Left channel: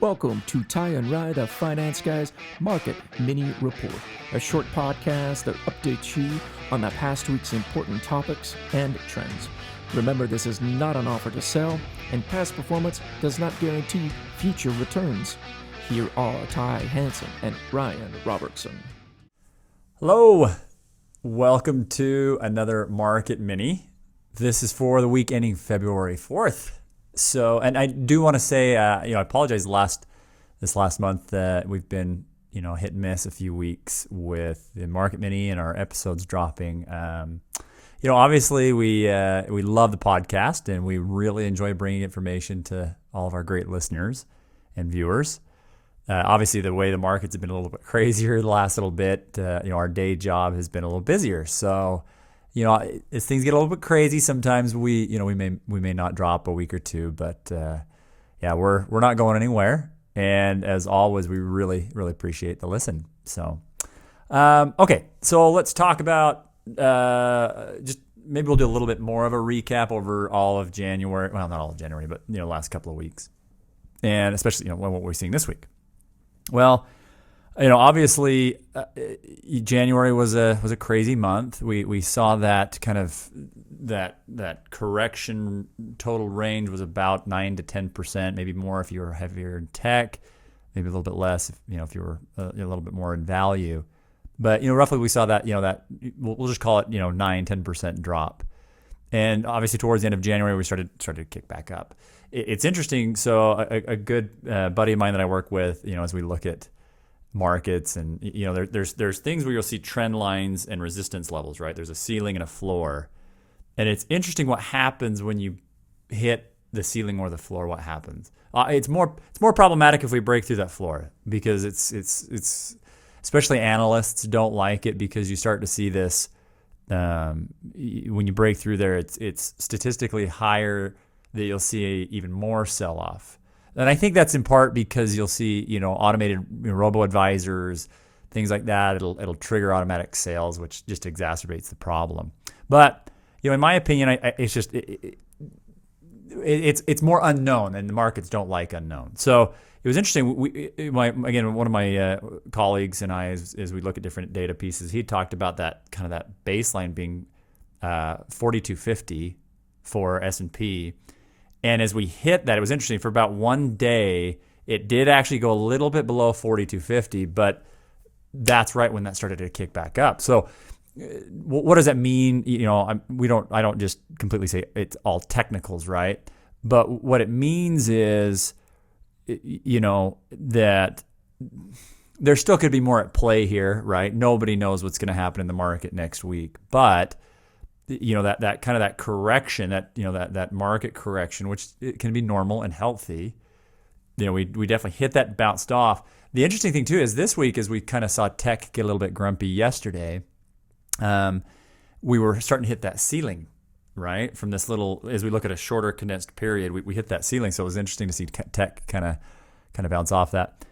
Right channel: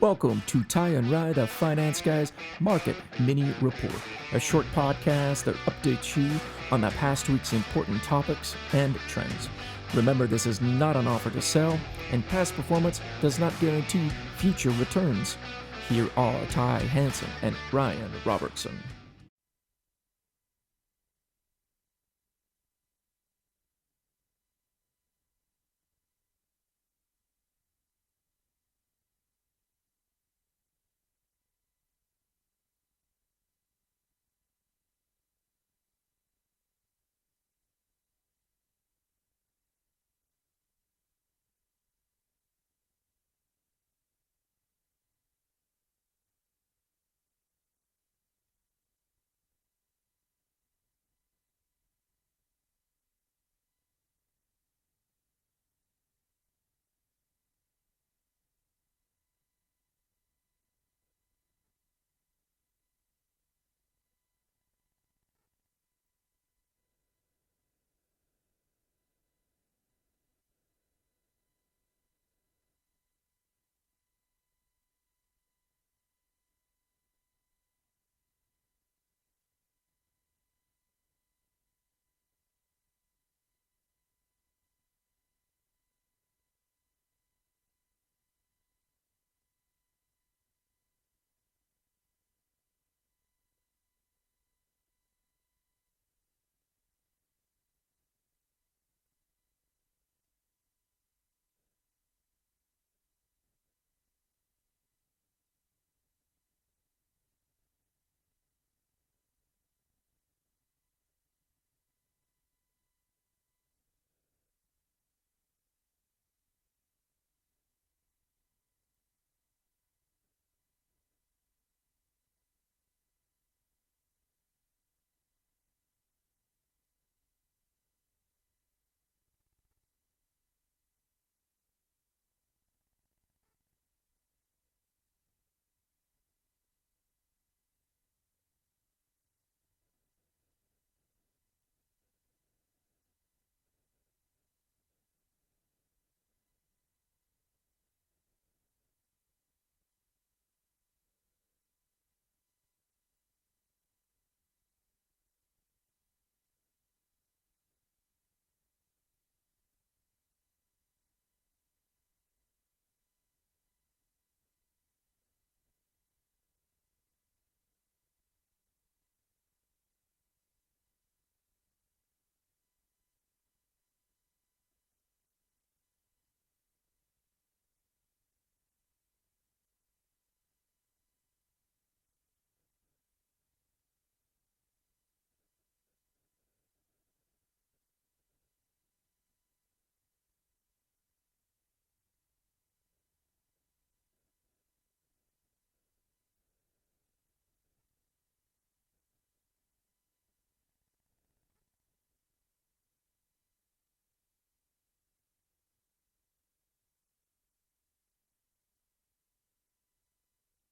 Welcome to Ty and Rye, the Finance Guys Market Mini Report, a short podcast that updates you on the past week's important topics and trends. Remember, this is not an offer to sell, and past performance does not guarantee future returns. Here are Ty Hansen and Ryan Robertson. Hello, welcome to another Market Mini. This is for the week ending February 4th. So, and I do want to say, I apologize. This last month, we've been, hit and miss a few weeks with the Market Mini and our episodes dropping. Obviously we love the podcast and we really enjoy bringing information to all of our great listeners and viewers. Obviously, the way the markets have been a little bit crazier the last little bit, our day job has been a little busier. So, as things get a little bit crazy, sometimes we may not drop a week or two, but we're not going anywhere. And as always, we really appreciate the listen. So, okay, so let's talk about just maybe we'll do a little bit more of a recap over all of January. Well, not all of January, but last couple of weeks, and especially what we're seeing this week. Well, obviously, January was a crazy month. We saw that kind of that correction total range was about 9 to 10%, maybe more if you were heavier in tech, maybe a little bit less if you were a little bit more in value. But roughly we saw that that we'll just call it 9-10% drop. And obviously towards the end of January we started to kick back up. It's interesting. So a good buddy of mine that I work with, as we look at markets and there's things where you'll see trend lines and resistance levels, right? There's a ceiling and a floor, and it's interesting what happens when you hit the ceiling or the floor. What happens? It's more problematic if we break through that floor, because it's especially analysts don't like it, because you start to see this when you break through there. It's statistically higher that you'll see even more sell-off. And I think that's in part because you'll see, automated robo-advisors, things like that. It'll trigger automatic sales, which just exacerbates the problem. But, in my opinion, it's just it's more unknown, and the markets don't like unknown. So it was interesting. One of my colleagues and I, as we look at different data pieces, he talked about that baseline being 4250 for S&P. And as we hit that, it was interesting. For about one day, it did actually go a little bit below 4250, but that's right when that started to kick back up. So, what does that mean? I don't just completely say it's all technicals, right? But what it means is, that there still could be more at play here, right? Nobody knows what's going to happen in the market next week, but that kind of that correction, that market correction, which it can be normal and healthy. We definitely hit that, bounced off. The interesting thing too is this week, as we kind of saw tech get a little bit grumpy yesterday, we were starting to hit that ceiling, right? From this little, as we look at a shorter condensed period, we hit that ceiling. So it was interesting to see tech kind of bounce off that.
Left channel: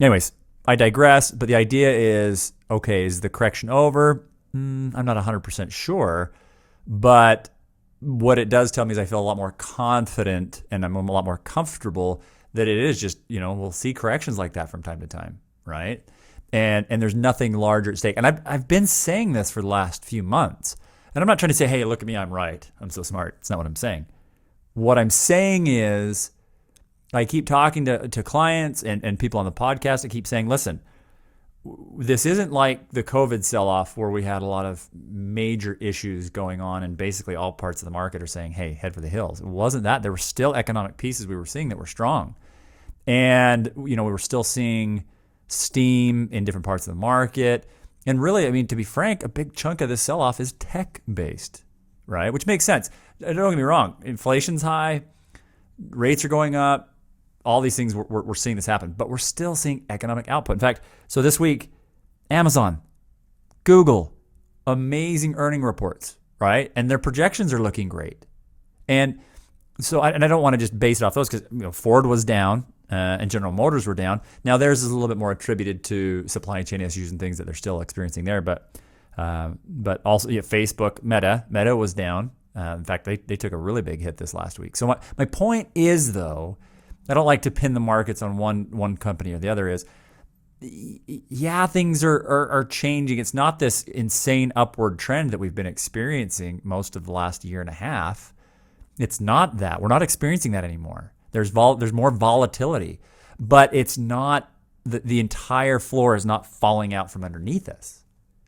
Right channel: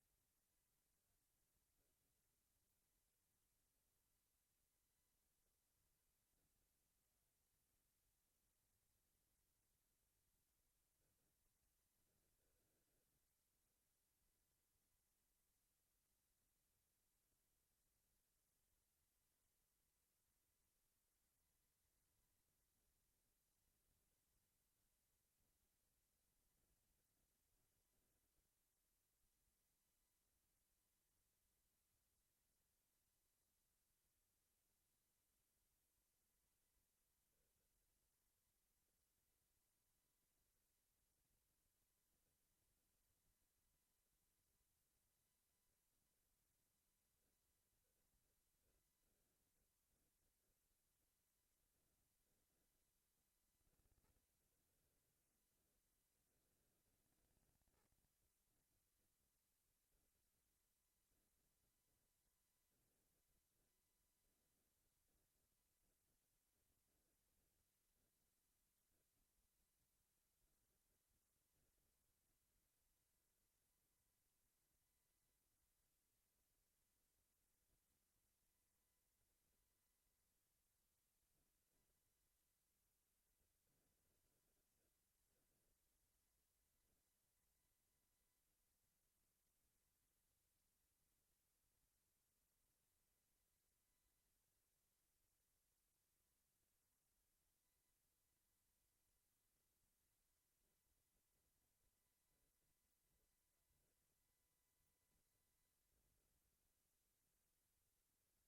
Anyways, I digress. But the idea is, okay, is the correction over? I'm not 100% sure, but what it does tell me is I feel a lot more confident and I'm a lot more comfortable that it is just, we'll see corrections like that from time to time, right? And there's nothing larger at stake. And I've been saying this for the last few months. And I'm not trying to say, hey, look at me, I'm right, I'm so smart. It's not what I'm saying. What I'm saying is I keep talking to clients and people on the podcast. I keep saying, listen, this isn't like the COVID sell-off where we had a lot of major issues going on and basically all parts of the market are saying, hey, head for the hills. It wasn't that. There were still economic pieces we were seeing that were strong. And, we were still seeing steam in different parts of the market. And really, to be frank, a big chunk of this sell-off is tech-based, right? Which makes sense. Don't get me wrong. Inflation's high. Rates are going up. All these things, we're seeing this happen, but we're still seeing economic output. In fact, so this week, Amazon, Google, amazing earning reports, right? And their projections are looking great. And so, I don't want to just base it off those, because Ford was down and General Motors were down. Now theirs is a little bit more attributed to supply chain issues and things that they're still experiencing there. But also Facebook, Meta was down. In fact, they took a really big hit this last week. So my point is, though, I don't like to pin the markets on one company or the other, is yeah, things are changing. It's not this insane upward trend that we've been experiencing most of the last year and a half. It's not that. We're not experiencing that anymore. There's more volatility, but it's not the entire floor is not falling out from underneath us,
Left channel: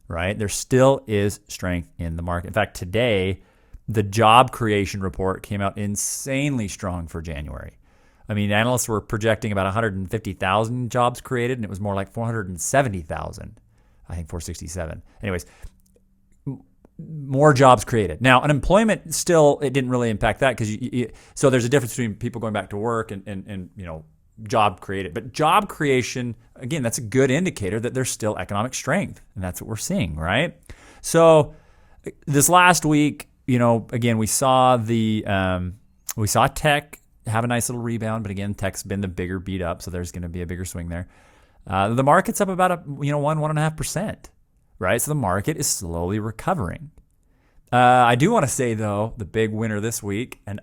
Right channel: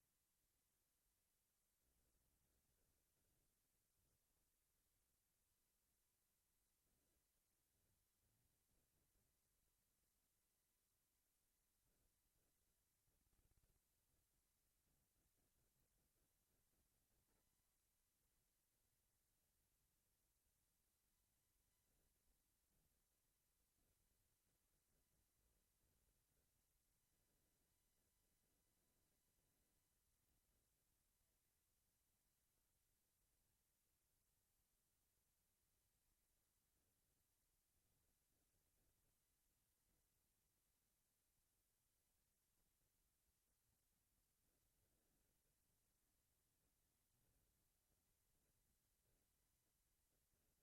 right? There still is strength in the market. In fact, today, the job creation report came out insanely strong for January. I mean, analysts were projecting about 150,000 jobs created, and it was more like 470,000. I think 467. Anyways, more jobs created. Now, unemployment still, it didn't really impact that because so there's a difference between people going back to work and job created. But job creation, again, that's a good indicator that there's still economic strength, and that's what we're seeing, right? So this last week, again, we saw tech have a nice little rebound, but again, tech's been the bigger beat up, so there's going to be a bigger swing there. The market's up about 1.5%, right? So the market is slowly recovering. I do want to say though, the big winner this week, and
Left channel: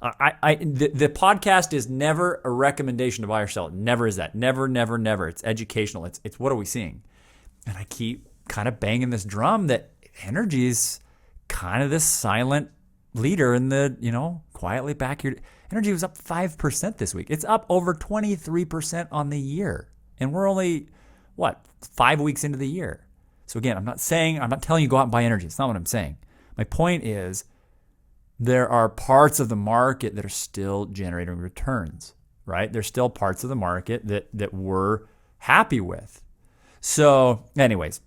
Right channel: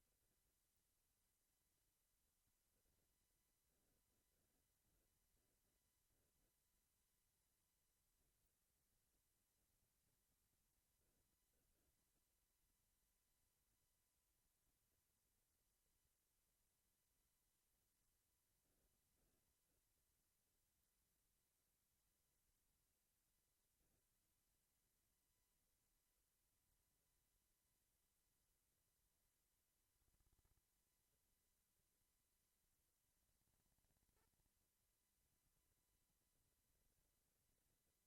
the podcast is never a recommendation to buy or sell. It never is that. Never, never, never. It's educational. It's what are we seeing? And I keep kind of banging this drum that energy is kind of this silent leader in the quietly back here. Energy was up 5% this week. It's up over 23% on the year. And we're only, 5 weeks into the year. So again, I'm not telling you go out and buy energy. It's not what I'm saying. My point is there are parts of the market that are still generating returns, right? There's still parts of the market that we're happy with. So anyways,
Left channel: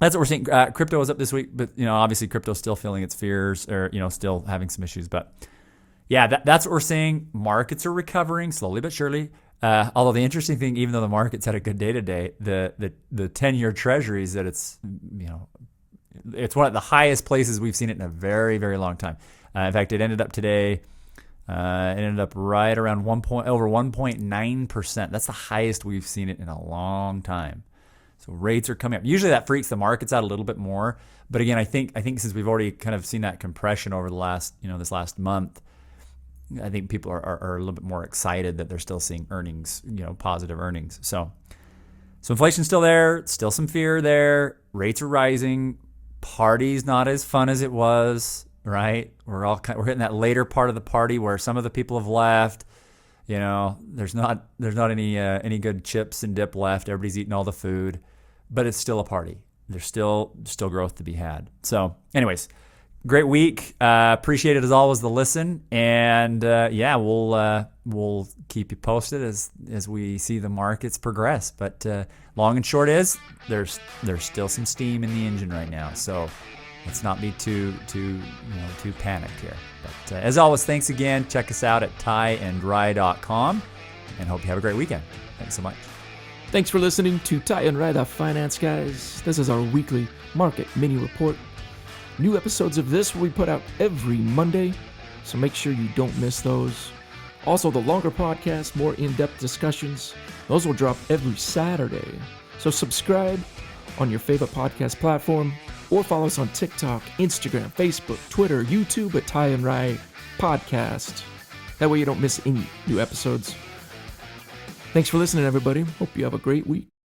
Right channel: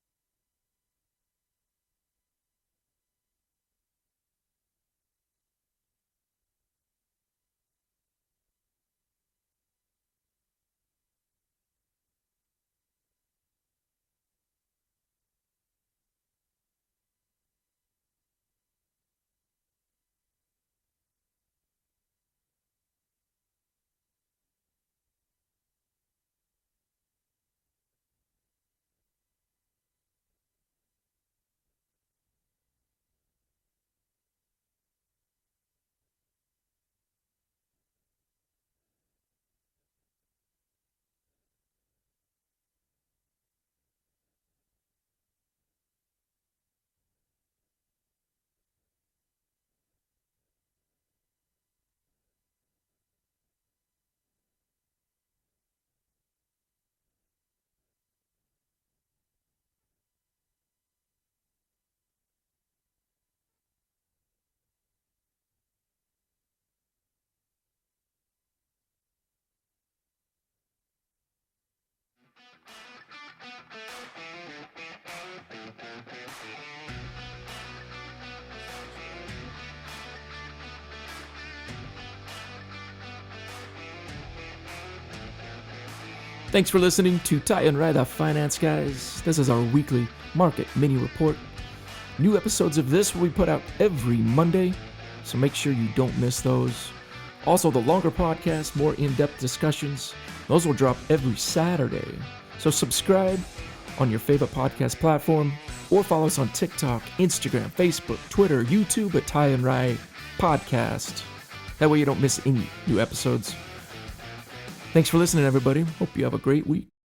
that's what we're seeing. Crypto was up this week, but obviously crypto's still feeling its fears or, still having some issues, but yeah, that's what we're seeing. Markets are recovering slowly but surely. Although the interesting thing, even though the market's had a good day today, the 10-year treasuries that it's one of the highest places we've seen it in a very, very long time. In fact, it ended up today. It ended up right around over 1.9%. That's the highest we've seen it in a long time. So rates are coming up. Usually that freaks the markets out a little bit more. But again, I think since we've already kind of seen that compression over the last this last month, I think people are a little bit more excited that they're still seeing earnings, positive earnings. So inflation's still there, still some fear there. Rates are rising. Party's not as fun as it was, right? We're hitting that later part of the party where some of the people have left. There's not any good chips and dip left. Everybody's eating all the food, but it's still a party. There's still growth to be had. So, anyways. Great week. Appreciate it as always, the listen. And we'll keep you posted as we see the markets progress. But long and short is there's still some steam in the engine right now. So let's not be too panicked here. But as always, thanks again. Check us out at tieandrye.com and hope you have a great weekend. Thanks so much. Thanks for listening to Tie and Rye, the Finance Guys. This is our weekly market mini report. New episodes of this will be put out every Monday, so make sure you don't miss those. Also, the longer podcasts, more in-depth discussions, those will drop every Saturday. So subscribe on your favorite podcast platform or follow us on TikTok, Instagram, Facebook, Twitter, YouTube at Tie and Rye Podcast. That way you don't miss any new episodes. Thanks for listening, everybody. Hope you have a great week.